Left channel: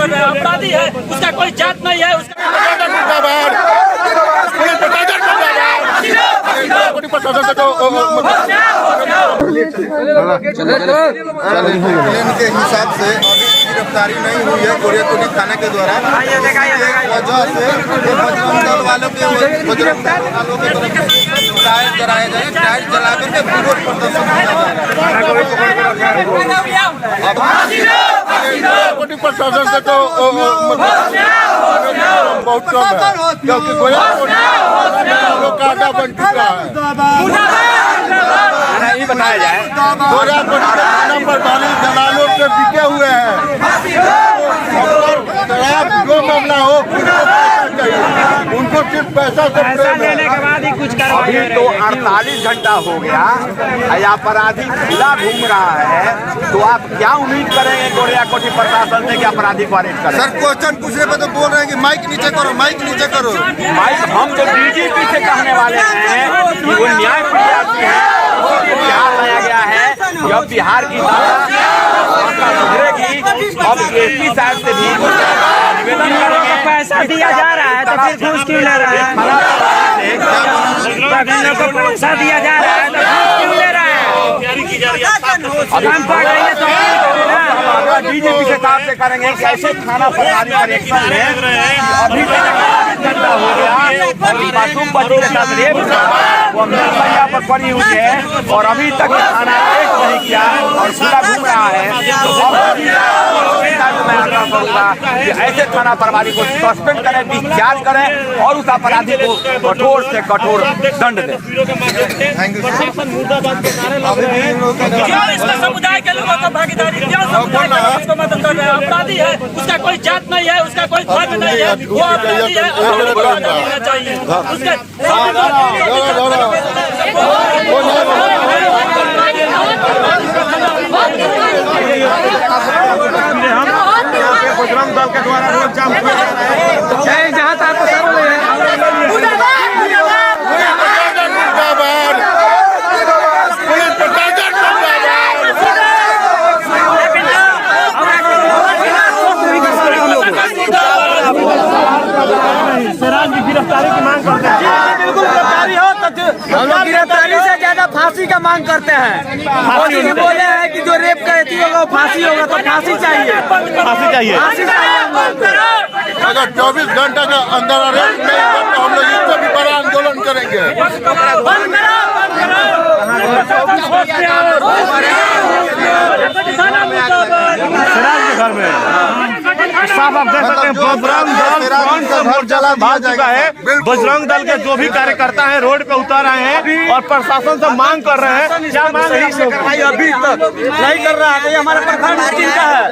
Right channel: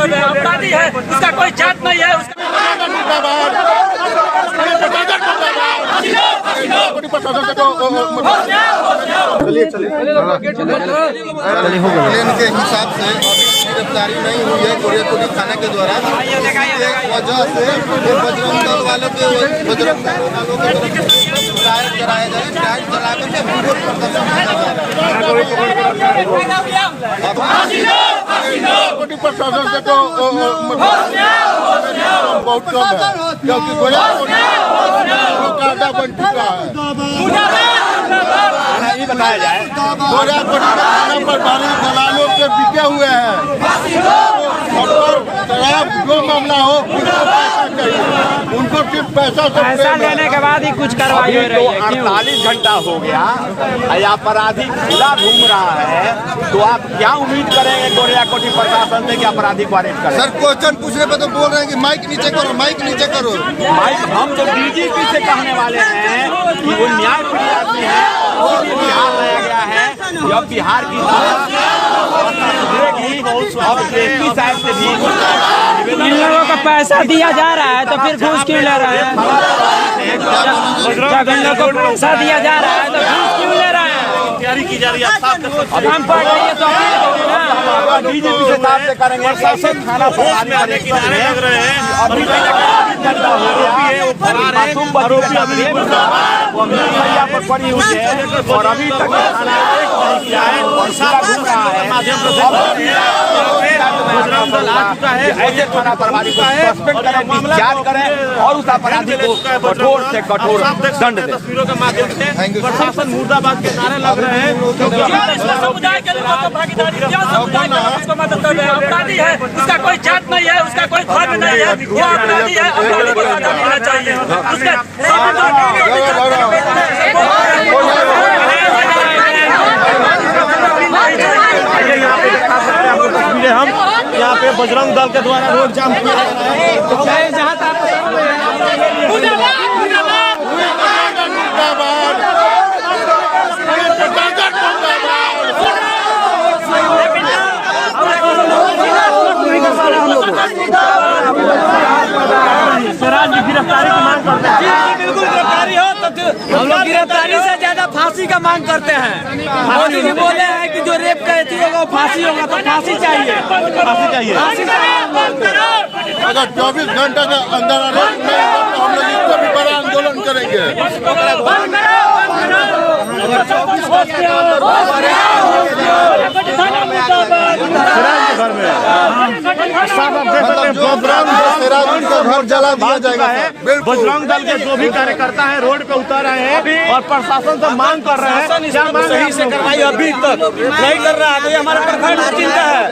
कर रहे हैं। अपराधी है, उसका कोई जात नहीं है। प्लेन के हिसाब से अभी गिरफ्तारी नहीं हुई है गोरियाकोटी थाना के द्वारा। एक वजह से ये बजरंग दल वालों के तरफ ट्रायल कराए गए। ट्रायल चला करके विरोध प्रदर्शन किया जा प्रशासन से तो बहुत कम है, क्योंकि गोरियाकोटी कांटा बन चुका है। नहीं बताया जाए गोरियाकोटी के थाना पर बाली दलालों से बिके हुए हैं। जो मामला हो किसको पैसा चाहिए, उनको सिर्फ पैसा से प्रेम है। अभी तो 48 घंटा हो गया, अपराधी खुला घूम रहा है, तो आप क्या उम्मीद करेंगे गोरियाकोटी प्रशासन से कि अपराधी को अरेस्ट करें? सर क्वेश्चन पूछने पर तो बोल रहे हैं कि माइक नीचे करो, माइक नीचे करो। माइक हम जो डीजीपी से कहने वाले हैं कि वो न्याय प्रिय आदमी है, बिहार लाया गया है। जब बिहार की सुधरेगी, अब एसपी साहब से भी पैसा दिया जा रहा है तो फिर घूस क्यों ले रहा है? पैसा दिया जा रहा है तो घूस क्यों ले रहा है? डीजीपी से साहब से करेंगे कि ऐसे थाना प्रभारी करेक्शन में अभी तक घंटा हो गया और मासूम बच्ची पर पड़ी हुई है और अभी तक किया है और खुला घूम रहा है। तो मैं आग्रह करूंगा कि ऐसे थाना प्रभारी को सस्पेंड करें, डिस्चार्ज करें और उस अपराधी को कठोर से कठोर दंड दें। क्यों इसमें समुदाय के लोगों को भागीदारी, क्यों समुदाय के लोग उसको मदद कर रहे हैं? अपराधी है, उसका कोई जात नहीं है, उसका कोई धर्म नहीं है, वो अपराधी है। अपराधी को सजा मिलना चाहिए। उसके बजरंग दल के द्वारा रोड जाम किया जा रहा है। स्वराज की गिरफ्तारी की मांग करते हैं। बिल्कुल गिरफ्तारी हो तो हम लोग गिरफ्तारी से ज्यादा फांसी का मांग करते हैं। फांसी बोले हैं कि जो रेप करती होगा वो फांसी होगा, तो फांसी चाहिए, फांसी चाहिए। अगर 24 घंटे के अंदर अरेस्ट नहीं होगा तो हम लोग इससे भी बड़ा आंदोलन करेंगे। 24 घंटे के अंदर घर में आग लगा, घर में सब आप देख सकते हैं बजरंग का घर जला दिया जाएगा। बजरंग दल के जो भी कार्यकर्ता है रोड पे उतर रहे हैं और प्रशासन से मांग कर रहे हैं। क्या मांग है? अभी तक नहीं कर रहा है। तो ये हमारे प्रखंड टीम का है,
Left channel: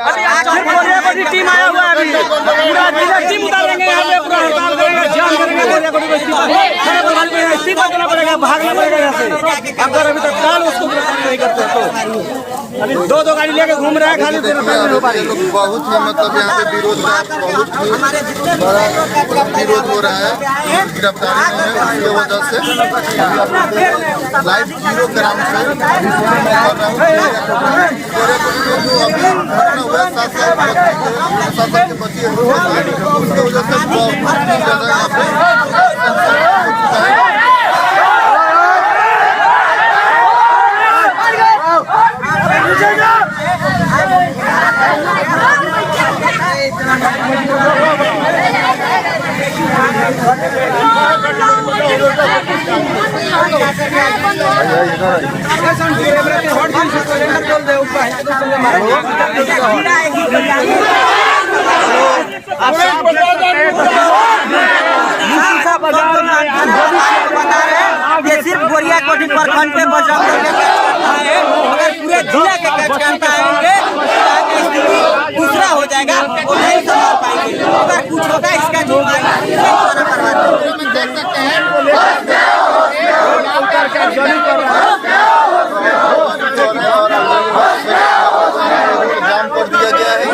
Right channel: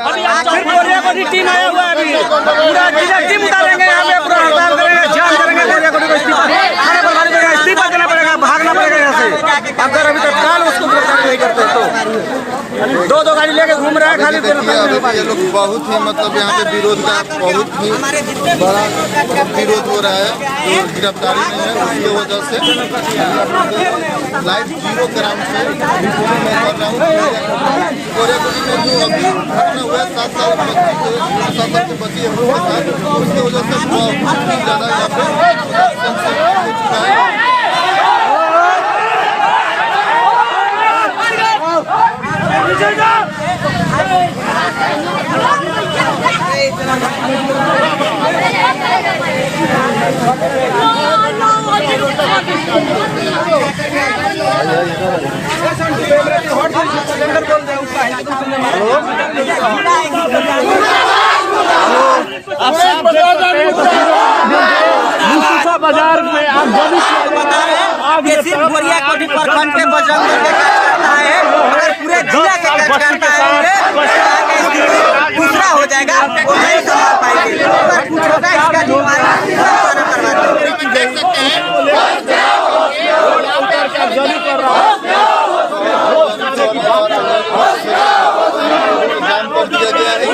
सिर्फ गोरियाकोटी टीम आया हुआ है। अभी पूरा जिला टीम उतारेंगे यहाँ पे, पूरा हड़ताल करेंगे, जाम करेंगे गोरियाकोटी को इस्तीफा देना पड़ेगा, भागना पड़ेगा यहाँ से। अगर अभी तक काल उसको गिरफ्तार नहीं करते तो दो गाड़ी लेके घूम रहे हैं, खाली गिरफ्तार नहीं हो पाएगी। बहुत ही मतलब यहाँ पे विरोध का बहुत ही विरोध हो रहा है, गिरफ्तारी नहीं है। उसकी वजह से लाइव 0 ग्राम से रिपोर्ट मैं कर रहा हूँ। गोरियाकोटी में जो अभी घटना हुआ 7 साल के बच्ची है उसके साथ, उसकी वजह से बहुत ही ज़्यादा यहाँ पे सिर्फ गोरियाकोटी प्रखंड के बजरंग दल के कार्यकर्ता है। अगर पूरे जिला के कार्यकर्ता आएंगे दूसरा हो जाएगा, वो नहीं संभाल पाएंगे। अगर कुछ होगा इसका जिम्मेदारी देख सकते हैं। जाम कर दिया गया है।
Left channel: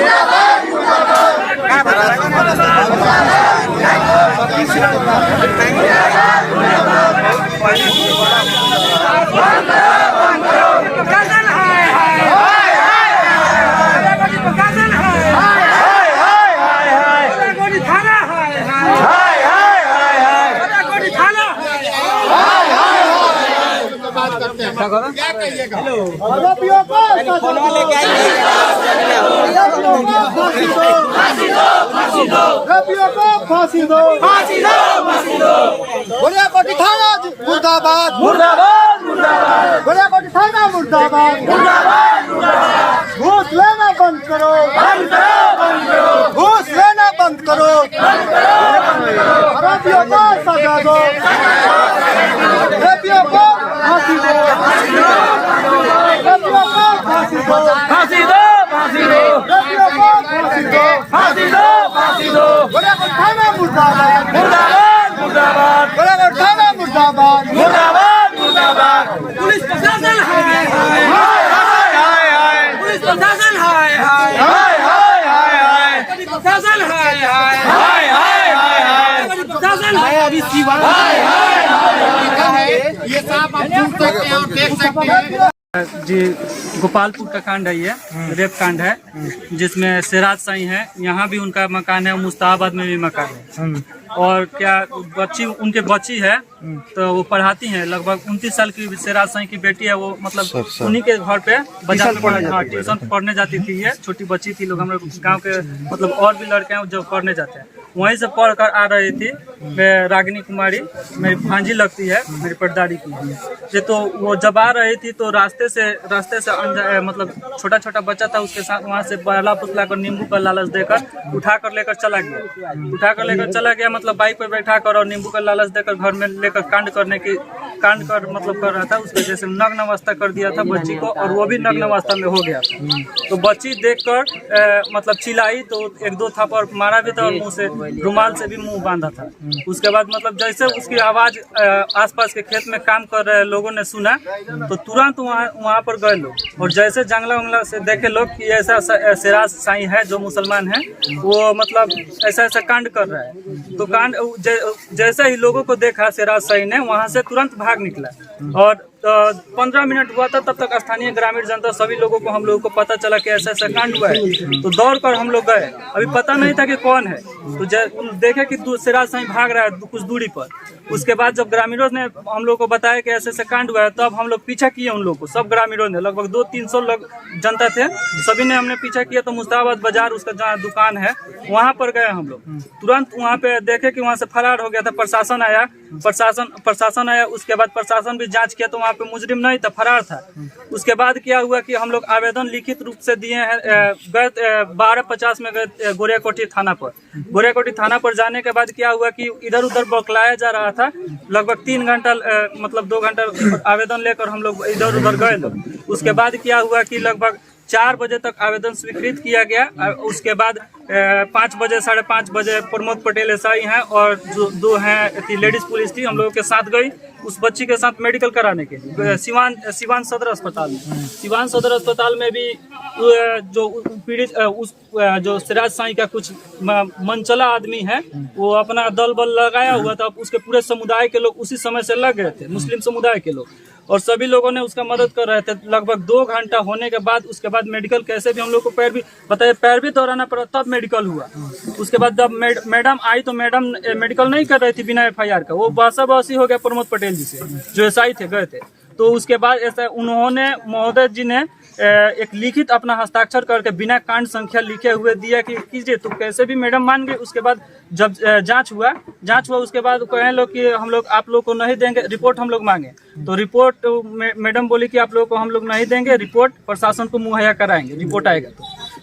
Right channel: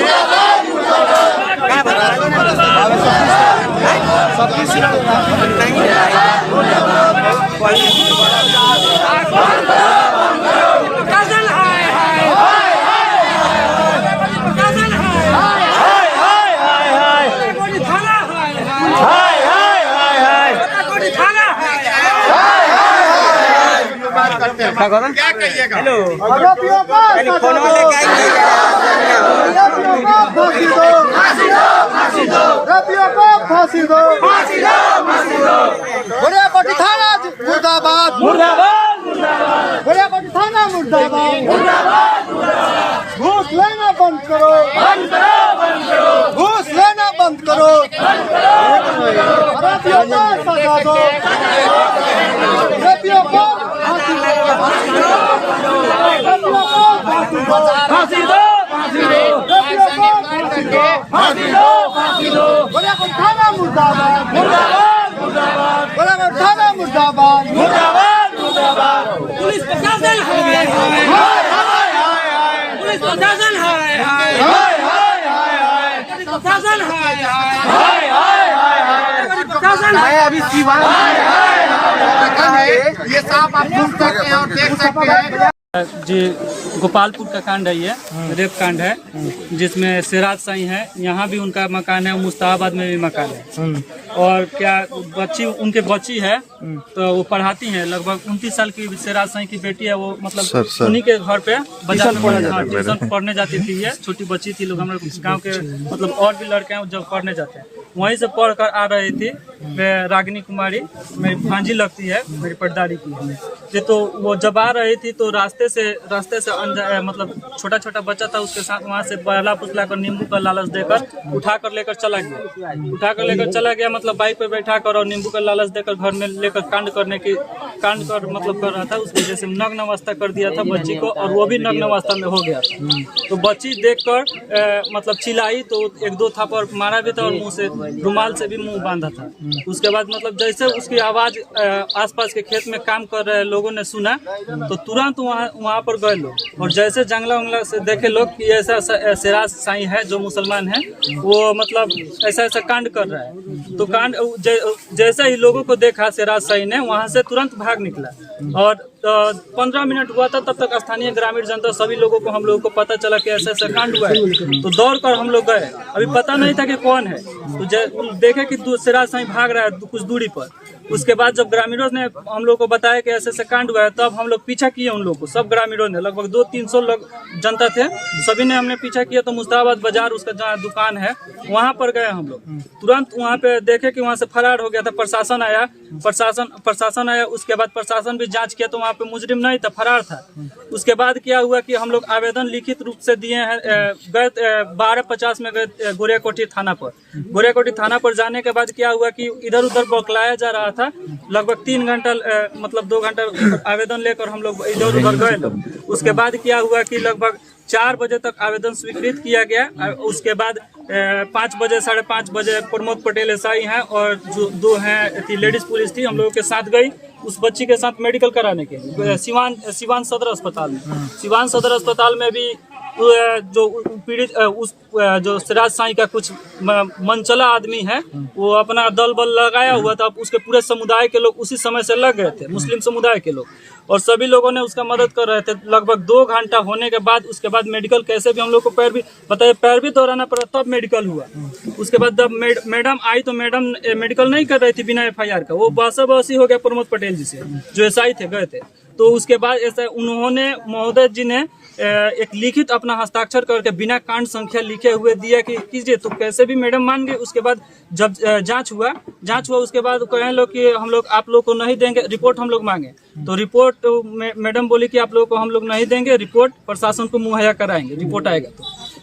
क्या कहिएगा? आरोपियों को सजा दो, आरोपियों को फांसी दो, आरोपियों को फांसी दो, गोरियाकोटी थाना मुर्दाबाद, गोरियाकोटी थाना मुर्दाबाद, घूस लेना बंद करो, घूस लेना बंद करो, आरोपियों को सजा दो, आरोपियों को फांसी दो, आरोपियों को फांसी दो, आरोपियों को फांसी दो, गोरियाकोटी थाना मुर्दाबाद, गोरियाकोटी थाना मुर्दाबाद, पुलिस प्रशासन हाय हाय हाय, पुलिस प्रशासन हाय हाय हाय, प्रशासन हाय हाय हाय, प्रशासन। मैं अभी सिवान ये साफ आप सुन सकते हैं और देख सकते हैं। जी गोपालपुर का कांड है, ये रेप कांड है जिसमें सिराज साई है, यहाँ भी उनका मकान है, मुस्ताबाद में भी मकान है। और क्या बच्ची उनके बच्ची है तो वो पढ़ाती हैं, लगभग 29 साल की सिराज साई की बेटी है, वो मतलब उन्हीं के घर पे बाजार में ट्यूशन पढ़ने जाती थी। ये छोटी बच्ची थी, लोग हमारे गांव के मतलब और भी लड़के हैं जब पढ़ने जाते हैं, वहीं से पढ़ कर आ रही थी। रागिनी कुमारी मेरी भांजी लगती है, मेरी परदारी की है। तो वो जब आ रही थी तो रास्ते से मतलब छोटा छोटा बच्चा था, उसके साथ वहाँ से बहला फुसला कर नींबू का लालच देकर उठा कर लेकर चला गया, मतलब बाइक पे बैठा कर और नींबू का लालच देकर घर में लेकर कांड कर मतलब कर रहा था। उसके वजह से नग्न अवस्था कर दिया था बच्ची को, और वो भी नग्न अवस्था में हो गया था। तो बच्ची देखकर मतलब चिल्लाई तो एक दो थापड़ मारा भी था और मुंह से रुमाल से भी मुंह बांधा था। उसके बाद मतलब जैसे उसकी आवाज आसपास के खेत में काम कर रहे लोगों ने सुना तो तुरंत वहाँ पर गए लोग, और जैसे जंगला उंगला से देखे लोग कि ऐसा सिराज साई है जो मुसलमान है, वो मतलब ऐसा कांड कर रहा है। तो कांड जैसे ही लोगों को देखा सिराज साई ने, वहाँ से तुरंत भाग निकला। और 15 मिनट हुआ था, तब तक स्थानीय ग्रामीण जनता सभी लोगों को हम लोगों को पता चला कि ऐसा कांड हुआ है। तो दौड़ कर हम लोग गए, अभी पता नहीं था कि कौन है, तो देखे कि सिराज साई भाग रहा है कुछ दूरी पर। उसके बाद जब ग्रामीणों ने हम लोग को बताया कि ऐसे कांड हुआ है, तब हम लोग पीछा किए उन लोग को। सब ग्रामीणों ने, लगभग 200-300 लोग जनता थे, सभी ने हमने पीछा किया। तो मुस्ताबाद बाजार उसका जहाँ दुकान है वहाँ पर गए हम लोग। तुरंत वहाँ पे देखे कि वहाँ से फरार हो गया था। प्रशासन आया, उसके बाद प्रशासन भी जांच किया तो वहाँ पे मुजरिम नहीं था, फरार था। उसके बाद क्या हुआ कि हम लोग आवेदन लिखित रूप से दिए हैं। गए 12:50 में गए गोरियाकोटी थाना पर। गोरियाकोटी थाना पर जाने के बाद क्या हुआ कि इधर उधर बौखलाया जा रहा था। लगभग 3 घंटा मतलब 2 घंटा आवेदन लेकर हम लोग इधर उधर गए लोग। उसके बाद क्या हुआ कि लगभग 4 बजे तक आवेदन स्वीकृत किया गया। उसके बाद 5 बजे 5:30 बजे प्रमोद पटेल एसआई हैं और जो 2 हैं लेडीज पुलिस थी, हम लोगों के साथ गई उस बच्ची के साथ मेडिकल कराने के लिए सिवान सदर अस्पताल में। सिवान सदर अस्पताल में भी जो पीड़ित जो सिराज साई का कुछ मनचला आदमी है, वो अपना दल बल लगाया हुआ था। उसके पूरे समुदाय के लोग उसी समय से लग गए थे, मुस्लिम समुदाय के लोग, और सभी लोगों ने उसका मदद कर रहे थे। लगभग 2 घंटा होने के बाद उसके बाद मेडिकल कैसे भी हम लोग को पैर भी दौड़ाना पड़ा, तब मेडिकल हुआ। उसके बाद जब मैडम आई तो मैडम मेडिकल नहीं कर रही थी बिना FIR का, वो बहसा-बहसी हो गया प्रमोद पटेल जी से जो SI थे, गए थे। तो उसके बाद ऐसा उन्होंने महोदय जी ने एक लिखित अपना हस्ताक्षर करके बिना कांड संख्या लिखे हुए दिया कि कीजिए, तो कैसे भी मैडम मान गए। उसके बाद जब जांच हुआ उसके बाद कहे लोग कि हम लोग आप लोग को नहीं देंगे, रिपोर्ट हम लोग मांगे। तो रिपोर्ट मैडम बोली कि आप लोगों को हम लोग नहीं देंगे, रिपोर्ट प्रशासन को मुहैया कराएंगे, रिपोर्ट आएगा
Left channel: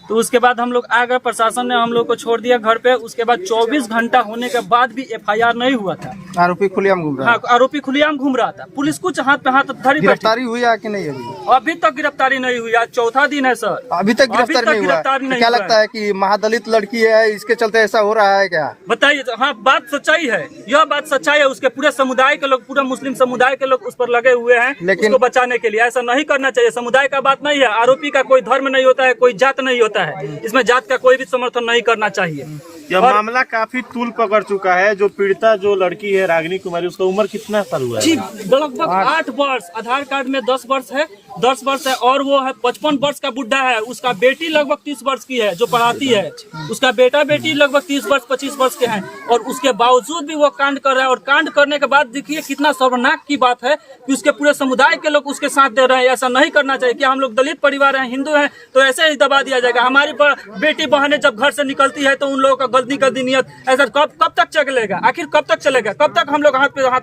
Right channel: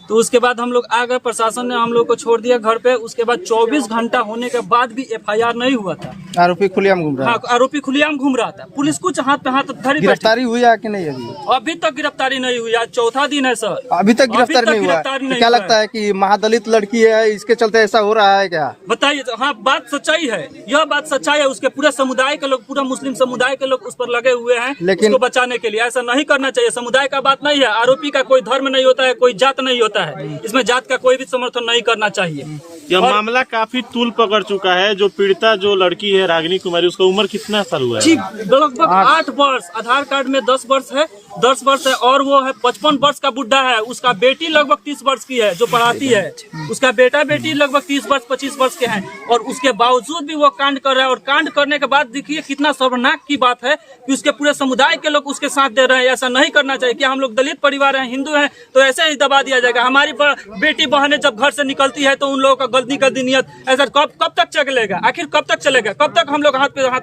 तो उसके बाद हम लोग आ गए। प्रशासन ने हम लोग को छोड़ दिया घर पे। उसके बाद 24 घंटा होने के बाद भी FIR नहीं हुआ था। आरोपी खुलेआम घूम रहा है। हाँ, आरोपी खुलेआम घूम रहा था। पुलिस कुछ हाथ पे हाथ धरी, गिरफ्तारी हुई है कि नहीं? अभी तक गिरफ्तारी नहीं हुई। आज 4था दिन है सर, अभी तक गिरफ्तारी नहीं। क्या लगता है कि महादलित लड़की है, इसके चलते ऐसा हो रहा है क्या? बताइए। हाँ, बात सच्चाई है, यह बात सच्चाई है। उसके पूरे समुदाय के लोग, पूरा मुस्लिम समुदाय के लोग उस पर लगे हुए हैं, लेकिन उसको बचाने के लिए। ऐसा नहीं करना चाहिए। समुदाय का बात नहीं है। आरोपी का कोई धर्म नहीं होता है, कोई जात नहीं होता है। इसमें जात का कोई भी समर्थन नहीं करना चाहिए। यह मामला काफी तूल पकड़ चुका है। जो पीड़िता जो लड़की है रागिनी कुमारी, उसका उम्र कितना साल हुआ है? जी लगभग 8 वर्ष। आधार कार्ड में 10 वर्ष है, 10 वर्ष है, और वो है 55 वर्ष का बुढ़ा है। उसका बेटी लगभग 30 वर्ष की है जो पढ़ाती है, उसका बेटा बेटी लगभग 30 वर्ष 25 वर्ष के हैं, और उसके बावजूद भी वो कांड कर रहा है। और कांड करने के बाद देखिए कितना शर्मनाक की बात है कि उसके पूरे समुदाय के लोग उसके साथ दे रहे हैं। ऐसा नहीं करना चाहिए। क्या हम लोग दलित परिवार हैं, हिंदू हैं, तो ऐसे ही दबा दिया जाएगा? हमारी बेटी बहनें जब घर से निकलती है तो उन लोगों का गलती नियत ऐसा कब तक चलेगा? आखिर कब तक चलेगा? कब तक हम लोग हाथ पे हाथ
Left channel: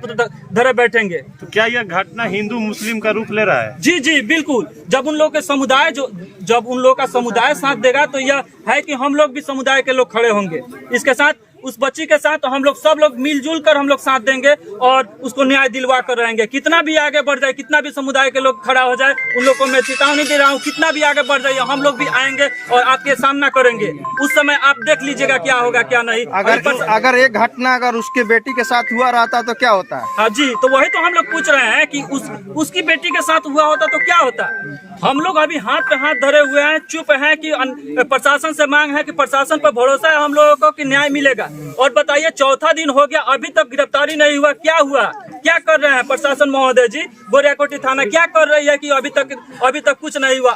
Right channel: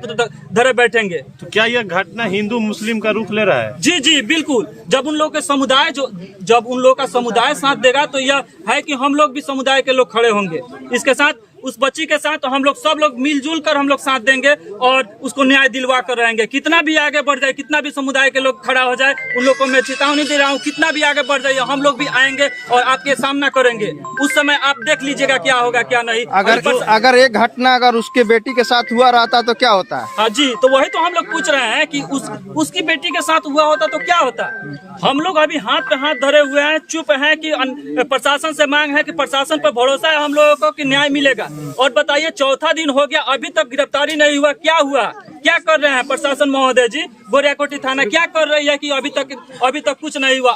धरे बैठेंगे? तो क्या यह घटना हिंदू मुस्लिम का रूप ले रहा है? जी जी बिल्कुल। जब उन लोग के समुदाय जब उन लोग का समुदाय साथ देगा तो यह है कि हम लोग भी समुदाय के लोग खड़े होंगे इसके साथ। उस बच्ची के साथ तो हम लोग सब लोग मिलजुल कर हम लोग साथ देंगे और उसको न्याय दिलवा कर रहेंगे। कितना भी आगे बढ़ जाए, कितना भी समुदाय के लोग खड़ा हो जाए, उन लोग को मैं चेतावनी दे रहा हूँ, कितना भी आगे बढ़ जाए हम लोग भी आएंगे और आपके सामना करेंगे। उस समय आप देख लीजिएगा क्या होगा क्या नहीं। अगर एक घटना अगर उसके बेटी के साथ हुआ रहता तो क्या होता? हाँ जी, तो वही तो हम लोग पूछ रहे हैं कि उसकी बेटी के साथ हुआ होता तो क्या होता। हम लोग अभी हाथ पे हाथ धरे हुए हैं, चुप हैं कि प्रशासन से मांग है कि प्रशासन पर भरोसा है हम लोगों को कि न्याय मिलेगा। और बताइए, चौथा दिन हो गया, अभी तक गिरफ्तारी नहीं हुआ। क्या हुआ? क्या कर रहे हैं प्रशासन महोदय जी? गोरियाकोटी थाना क्या कर रही है कि अभी तक कुछ नहीं हुआ?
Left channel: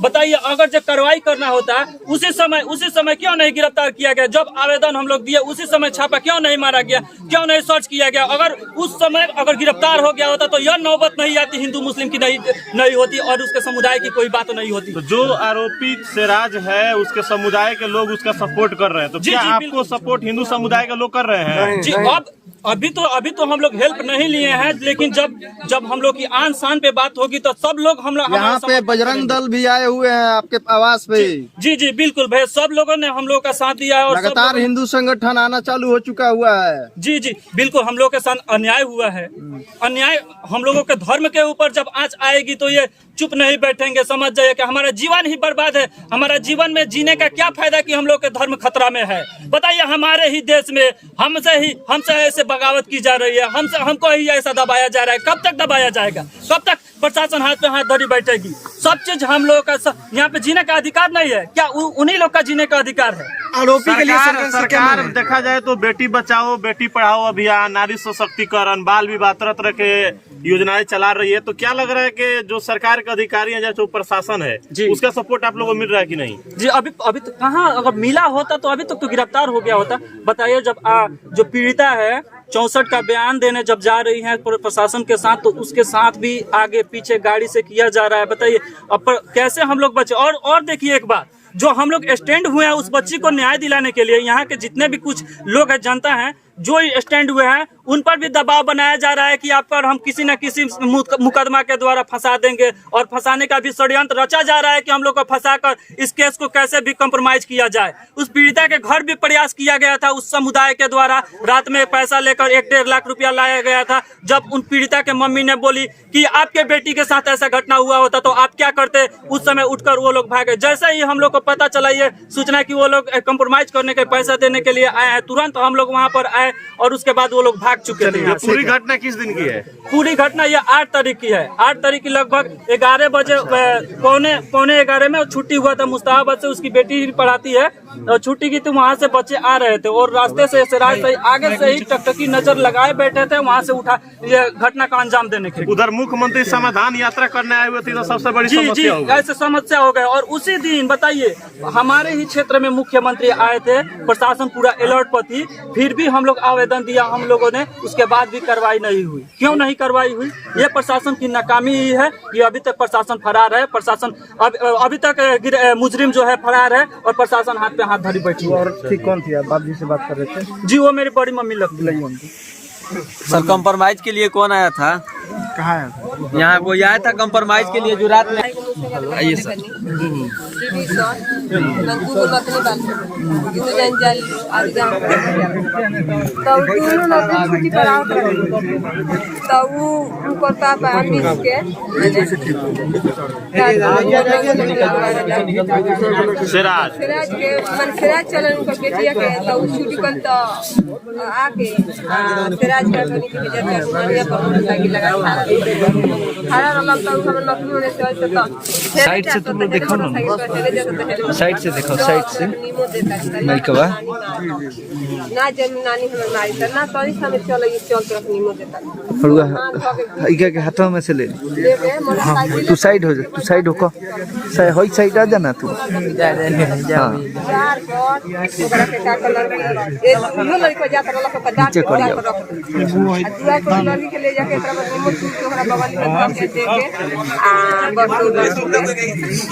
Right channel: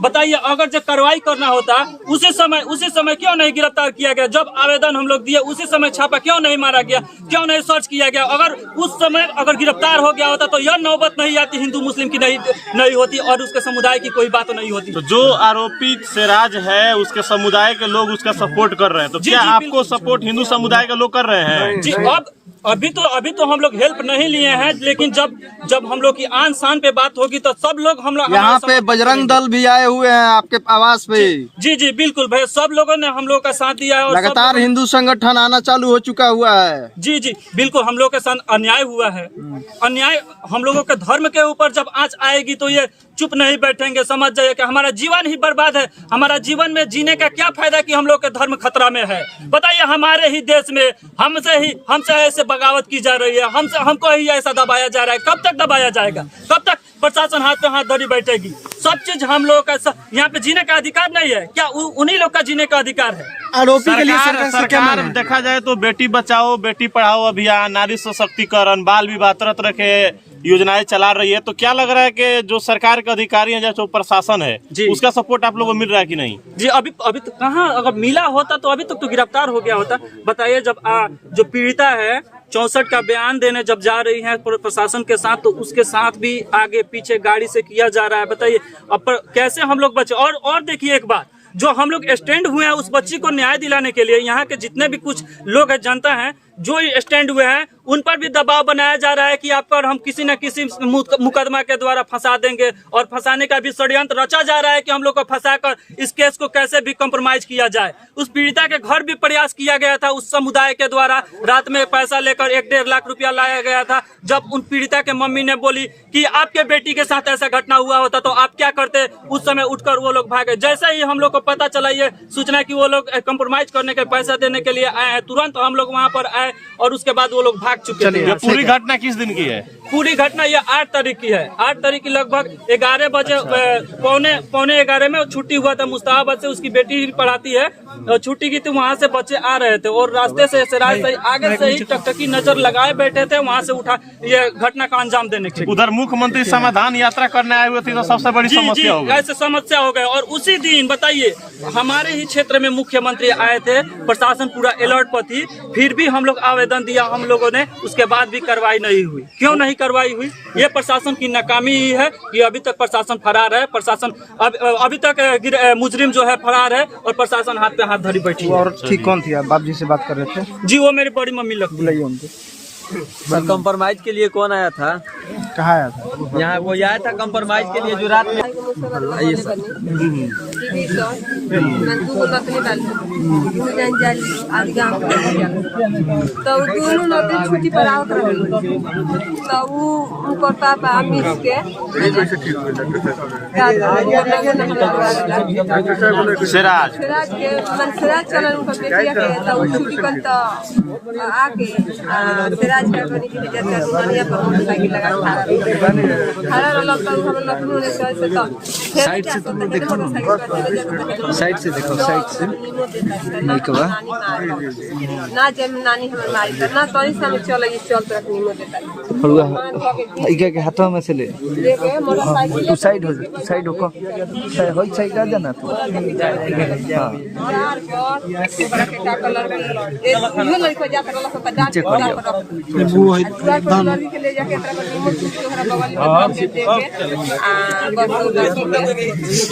बताइए, अगर जो कार्रवाई करना होता उसी समय क्यों नहीं गिरफ्तार किया गया? जब आवेदन हम लोग दिए उसी समय छापा क्यों नहीं मारा गया? क्यों नहीं सर्च किया गया? अगर उस समय अगर गिरफ्तार हो गया होता तो यह नौबत नहीं आती, हिंदू मुस्लिम की नहीं होती और उसके समुदाय की कोई बात नहीं होती। तो जो आरोपित सिराज है उसके समुदाय के लोग उसका सपोर्ट कर रहे हैं, तो क्या आपको सपोर्ट हिंदू समुदाय के लोग कर रहे हैं? जी, अभी तो हम लोग हेल्प नहीं लिए हैं, लेकिन जब हम लोग की आन शान पे बात होगी तो सब लोग हम लोग यहाँ पे बजरंग दल भी आए हुए हैं आपके आवास पे। जी बिल्कुल भैया, सब लोगों ने हम लोग का साथ दिया है और लगातार हिंदू संगठन आना चालू हो चुका हुआ है। जी बिल्कुल, हम लोग के साथ अन्याय हुआ है। अन्याय हम लोगों के धर्म के ऊपर जब आंच आएगी तो ये चुप नहीं बैठेंगे। समझ जाइए कि हमारा जीवन ही बर्बाद है। हमारा जीवन में जीने का क्या फायदा कि हम लोग के धर्म खतरा में है? बताइए, हमारे ही देश में हमसे ऐसे बगावत की जा रही है, हमको ही ऐसा दबाया जा रहा है। कब तक दबाया जाएगा? कब तक प्रशासन हाथ पे हाथ धरी बैठेगी? सब चीज हम लोग का यहाँ पे जीने का अधिकार नहीं है क्या? उन्हीं लोग का जीने का अधिकार है। आरोपी के लिए सरकार देखा जाए तो बेटी बचाओ बेटी पढ़ाओ अभियान, नारी सशक्तिकरण, बाल विवाह, तरह तरह के योजनाएं चला रही है। तो क्या लग रहा है कि जो सरकार के अधिकारी हैं, जो प्रशासन है, उसका सपोर्ट आप लोगों को मिल रहा है कि नहीं? जी, अभी तो कहाँ, अगर मिला होता तो अभी तक तो गिरफ्तार हो गया होता। बताइए, जब जो पीड़िता है 64 का बयान देने जब जा रही है प्रशासन के साथ, तो उसके साथ भी आगे पीछे गाड़ी से किया जा रहा है। बताइए अब कैसे हम लोग बचे? और देखिए एक बात, जो हम लोग स्टैंड हुए हैं उस बच्ची को न्याय दिलाने के लिए, यहाँ के जितने भी कुछ लोग हैं, जनता है, जो स्टैंड हुए हैं, उन पर भी दबाव बनाया जा रहा है कि आप पर हम किसी न किसी मुकदमा के द्वारा फंसा देंगे। और फंसाने का भी षड्यंत्र रचा जा रहा है कि हम लोग को फंसाकर इस केस को कैसे भी कॉम्प्रोमाइज किया जाए। उस पीड़िता के घर भी प्रयास किया गया था उस समुदाय के द्वारा। रात में पैसा लेकर 1-1.5 लाख रुपया लाया गया था। जब उन पीड़िता के मम्मी ने बोली कि आपके बेटी के साथ ऐसा घटना हुआ होता तो आप क्या करते, उस समय उठकर वो लोग भागे। जैसे ही हम लोग को पता चला ये सूचना कि वो लोग कॉम्प्रोमाइज करने के पैसा देने के लिए आए हैं, तुरंत हम लोग वहाँ पर आए और उसके बाद वो लोग भाग चुके थे। पूरी घटना किस दिन की है? पूरी घटना ये 8 तारीख की है। 8 तारीख की लगभग 11 बजे, पौने 11 में छुट्टी हुआ था। मुस्ताहाबाद से उसकी बेटी भी पढ़ाती है, छुट्टी की थी, वहाँ से बच्चे आ रहे थे और रास्ते से सिराज से आगे से ही टकटकी नजर लगाए बैठे थे, वहाँ से उठा ये घटना का अंजाम देने के लिए। उधर मुख्यमंत्री समाधान यात्रा करने आए हुए थे, तो सबसे बड़ी समस्या हो गई। ऐसे समस्या हो गए। और उसी दिन बताइए, हमारे ही क्षेत्र में मुख्यमंत्री आए थे, प्रशासन पूरा अलर्ट पर थी, फिर भी हम लोग आवेदन दिया हम लोगों ने, उसके बाद भी कार्रवाई नहीं हुई। क्यों नहीं कार्रवाई हुई? ये प्रशासन की नाकामी ही है कि अभी तक प्रशासन फरार है। प्रशासन अभी तक मुजरिम जो है फरार है और प्रशासन हाथ पे हाथ धरी बैठी है। ठीक, कौन थी? आप बाप जी से बात कर रहे थे? जी, वो मेरी बड़ी मम्मी लगती है उनकी। सर, कंप्रोमाइज के लिए कौन आया था? कहाँ आया था? यहाँ कोई आया था कंप्रोमाइज के लिए जो रात में? छुट्टी पर आवत रही तो उनको पापा मिस के सिराज के मन सिराज चलन उनका बेटिया के तो छुट्टी कर तो आके इलाज करने के लिए जाते हैं रुमानिया पर मोटरसाइकिल लगा खड़ा रहल तो हम नखनी होने से तो साइड से तुम देखो ना साइड से देखो साइड से नहीं कबा ना जब नानी हमर मारी त ना तोरी समय चले ये चलत रख नीमो देता इका के हाथों में से ले लेके मोटरसाइकिल तू साइड हो जा तू साइड होको होई साइड आ जाना तू हां यार पर ओकरा के का कलर की इहो लड़का जात रहल के पदार्थ पर रख वो है लड़की के ले जाके एकरा पर नीमो छू के ओकरा बगल में रख के दे के आ बस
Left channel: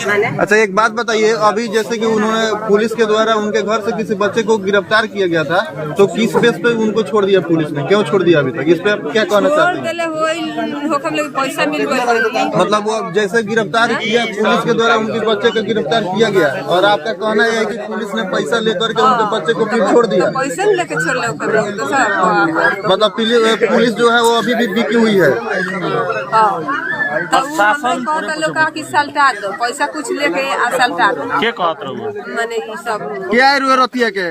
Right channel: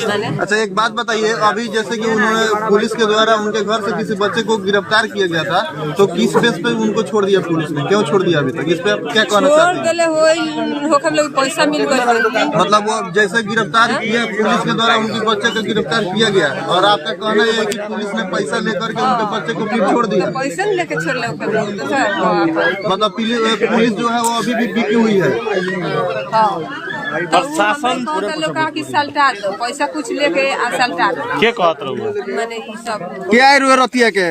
माने। अच्छा एक बात बताइए, अभी जैसे कि उन्होंने पुलिस के द्वारा उनके घर से किसी बच्चे को गिरफ्तार किया गया था, तो किस केस पे उनको छोड़ दिया पुलिस ने, क्यों छोड़ दिया अभी तक, इस पे आप क्या कहना चाहते हैं? देले होई होखम लोग पैसा मिल गई मतलब वो जैसे गिरफ्तार किया पुलिस के द्वारा उनके बच्चे को गिरफ्तार किया गया और आपका कहना है कि पुलिस ने पैसा लेकर के उनके बच्चे को फिर छोड़ दिया? पैसा लेके छोड़ ले ओकर मतलब पुलिस जो है वो अभी भी बिकी हुई है। प्रशासन लोग का कि सल्टा दो पैसा कुछ लेके आ सल्टा दो के कहत रहो माने ई सब क्या है रुए रतिया के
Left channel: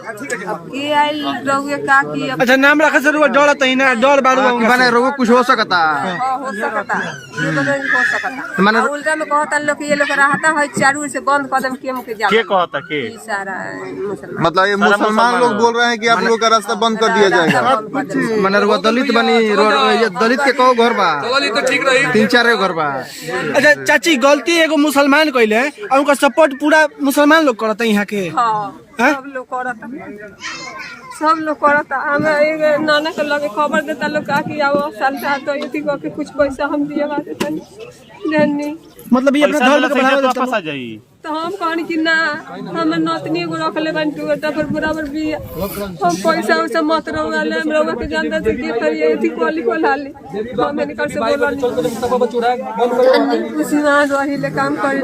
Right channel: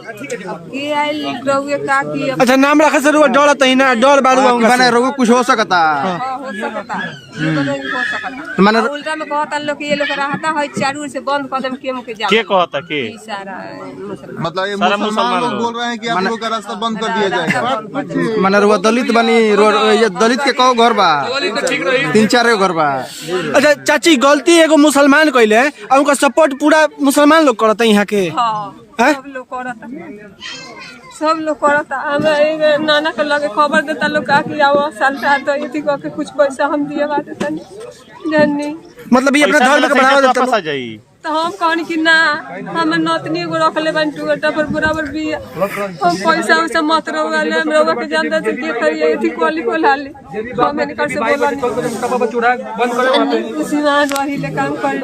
के आइल रहुए का कि अच्छा नाम रखे से डर तही ना डर बारू माने रोग कुछ हो सकता हो सकता ये बदल हो सकता माने उल्टा में कहता लोग कि ये लोग रहता है चारू से बंद कदम के जा के कहता के ई सारा मुसलमान मतलब ये मुसलमान लोग बोल रहे हैं कि आप लोग का रास्ता बंद कर दिया जाएगा। माने रुआ दलित बनी ये दलित के कौ घर बा 3-4 घर बा। अच्छा चाची गलती एगो मुसलमान कइले और उनका सपोर्ट पूरा मुसलमान लोग करता यहाँ के। हां सब लोग करता हम एक नाना के लगे खबर देता लोग का कि आओ सल्टा तो ये को के कुछ पैसा हम दिए बात जाननी मतलब ये अपना धर्म के बढ़ावा देता वापस आ जाई तो हम कहनी कि ना हम नतनी एगो रख ले बन टूटा पर बराबर भी हम पैसा उसे मत रोवाले हम रोवा के जानता से के करिए थी कोली को लाले हम इनकर से बोला नहीं उसी में रही ले काम कर